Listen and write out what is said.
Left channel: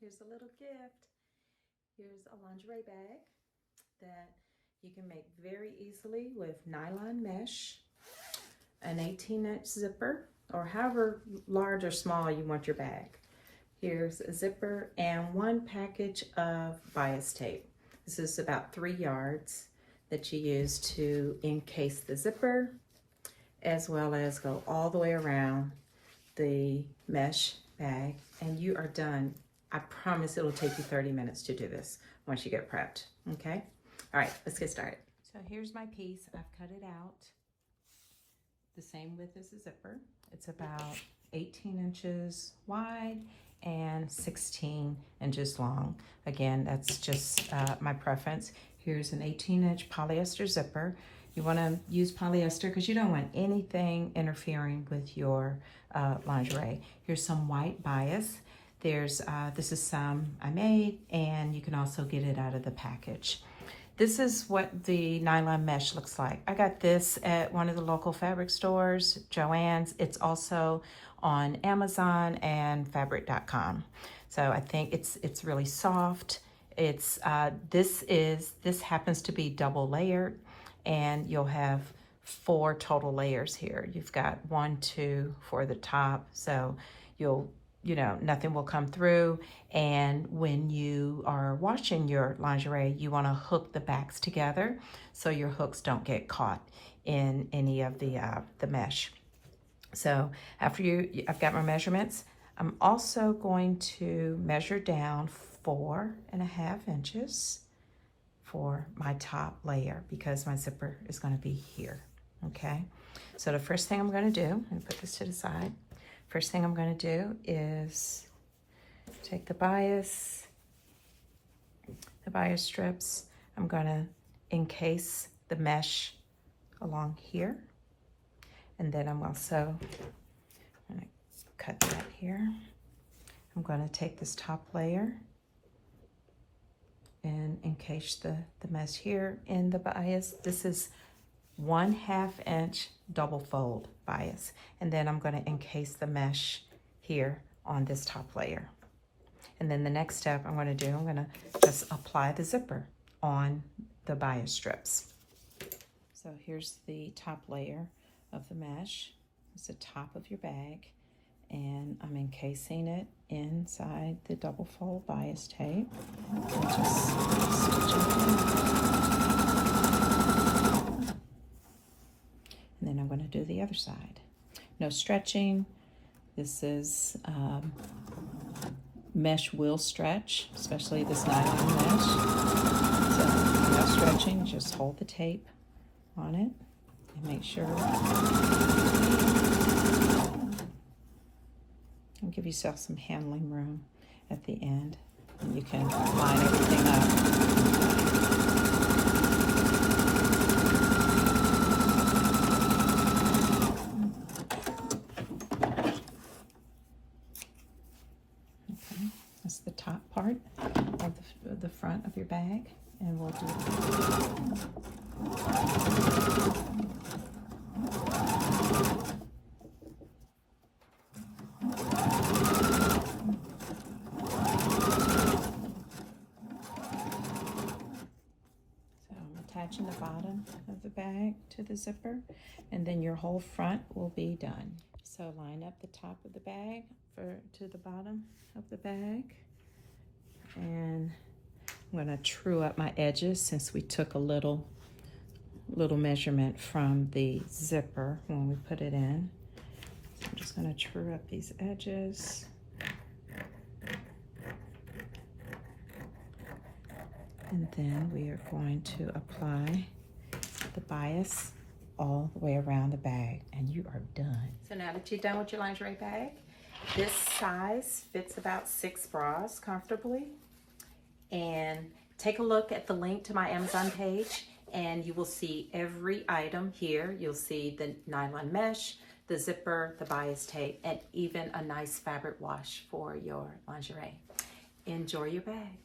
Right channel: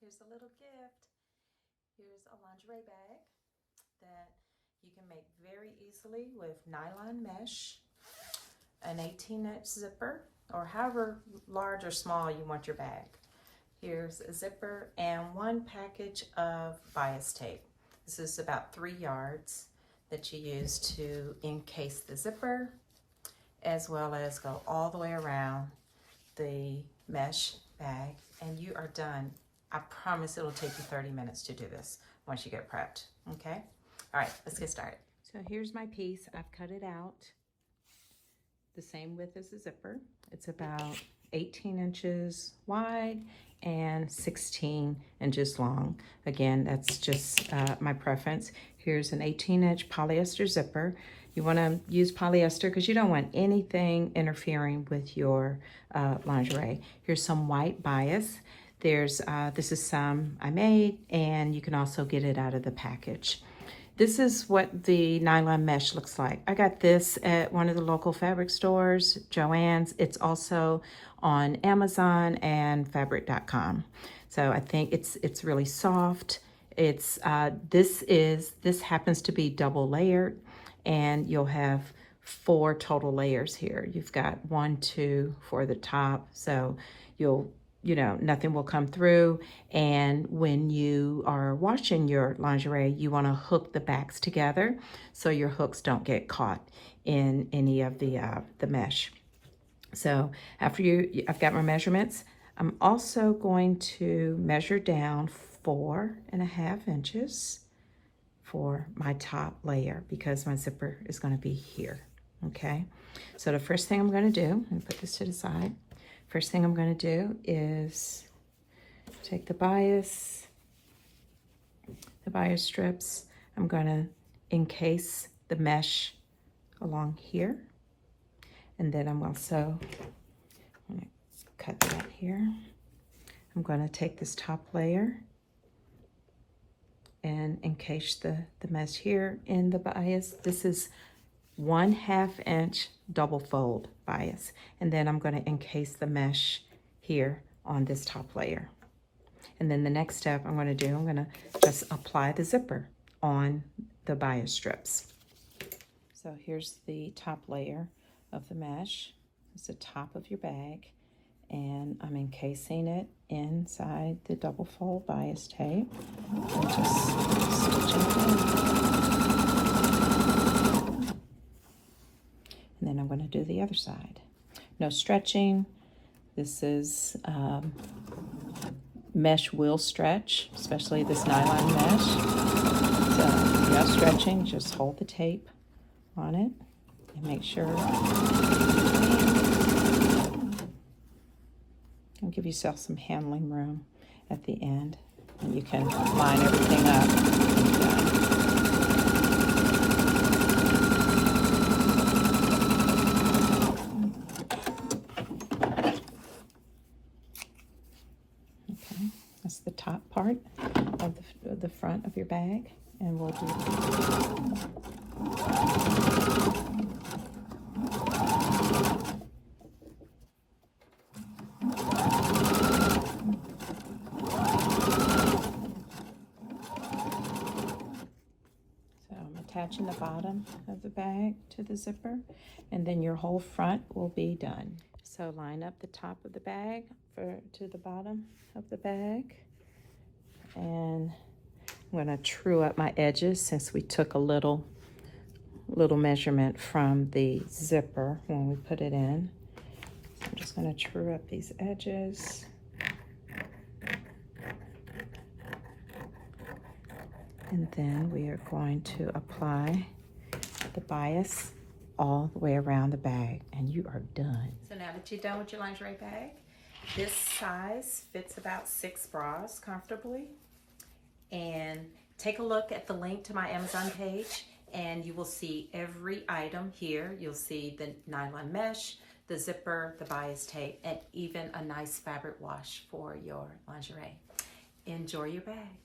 here's a little gift. Here's a lingerie bag that you can make very easily with nylon mesh, an 18-inch zipper, or however large or small you want your bag. Here's a zipper and one package of bias tape. This is about 3 yards that you use to encase the zipper, as well as go all the way around the mesh bag, and you are done. I promise it will take you 30 minutes to do this once you get prepped, okay? All right, let's get started. So here's my piece. I've cut it out the same width as the zipper. It's about 18 inches wide and 16 inches long. Again, that's just my preference. Here's an 18-inch polyester zipper. You want to use polyester because you don't want anything interfering with your lingerie. Here's some white bias. There's this is some I made, and you can also get it out of the package. This is what the nylon mesh looks like. I got this at one of the local fabric stores, Joann's. It's also on Amazon and fabric.com. So I think it's really soft. It's this happens to be double layered, and you'll have 4 total layers here. You've got 1, 2 for the top, so nothing will come through. And when you are washing your lingerie, you want to hook the backs together so your hooks don't get caught in any of the mesh. So after I've got my measurements, I'm also going to measure down 4.5 inches for my top layer because my zipper is going to be here. Okay, so the first thing I'm going to do, and put this to the side. First thing I'm going to do is take the bias strips. I'm going to encase the mesh along here. And then I'm also going to cut that here. I'm going to take this top layer and encase the mesh here in the bias. This is 1/2 inch double fold bias. And then I'm going to encase the mesh here on this top layer. And then the next step I'm going to do, I'm going to just apply the zipper on the bias strips. So here's the top layer of the mesh. It's the top of your bag. And I'm encasing it inside the double fold bias tape. And just stitch it in. And then I'm going to do the other side. No stretching. This is mesh will stretch, especially this nylon mesh. So no stretching, just hold the tape on it and make sure. And give yourself some handling room at the end, and you can line everything up. That's the top part of the front of your bag, and we'll do So I'm attaching the bottom of the bag to the zipper, and then your whole front will be done. So line up the top of the bag to the bottom of the bag. And I'm going to true up my edges since we took a little measurement from the zipper when we put it in. So I'm just going to true up these edges. And then we are going to apply the bias all the way around the bag, and you are done. So now that you're done with your lingerie bag, this size fits about 6 bras comfortably. And take a look at the link to my Amazon page, and you will see every item here. You'll see the nylon mesh, the zipper, the bias tape, and even a nice fabric wash for your lingerie. Enjoy your bag.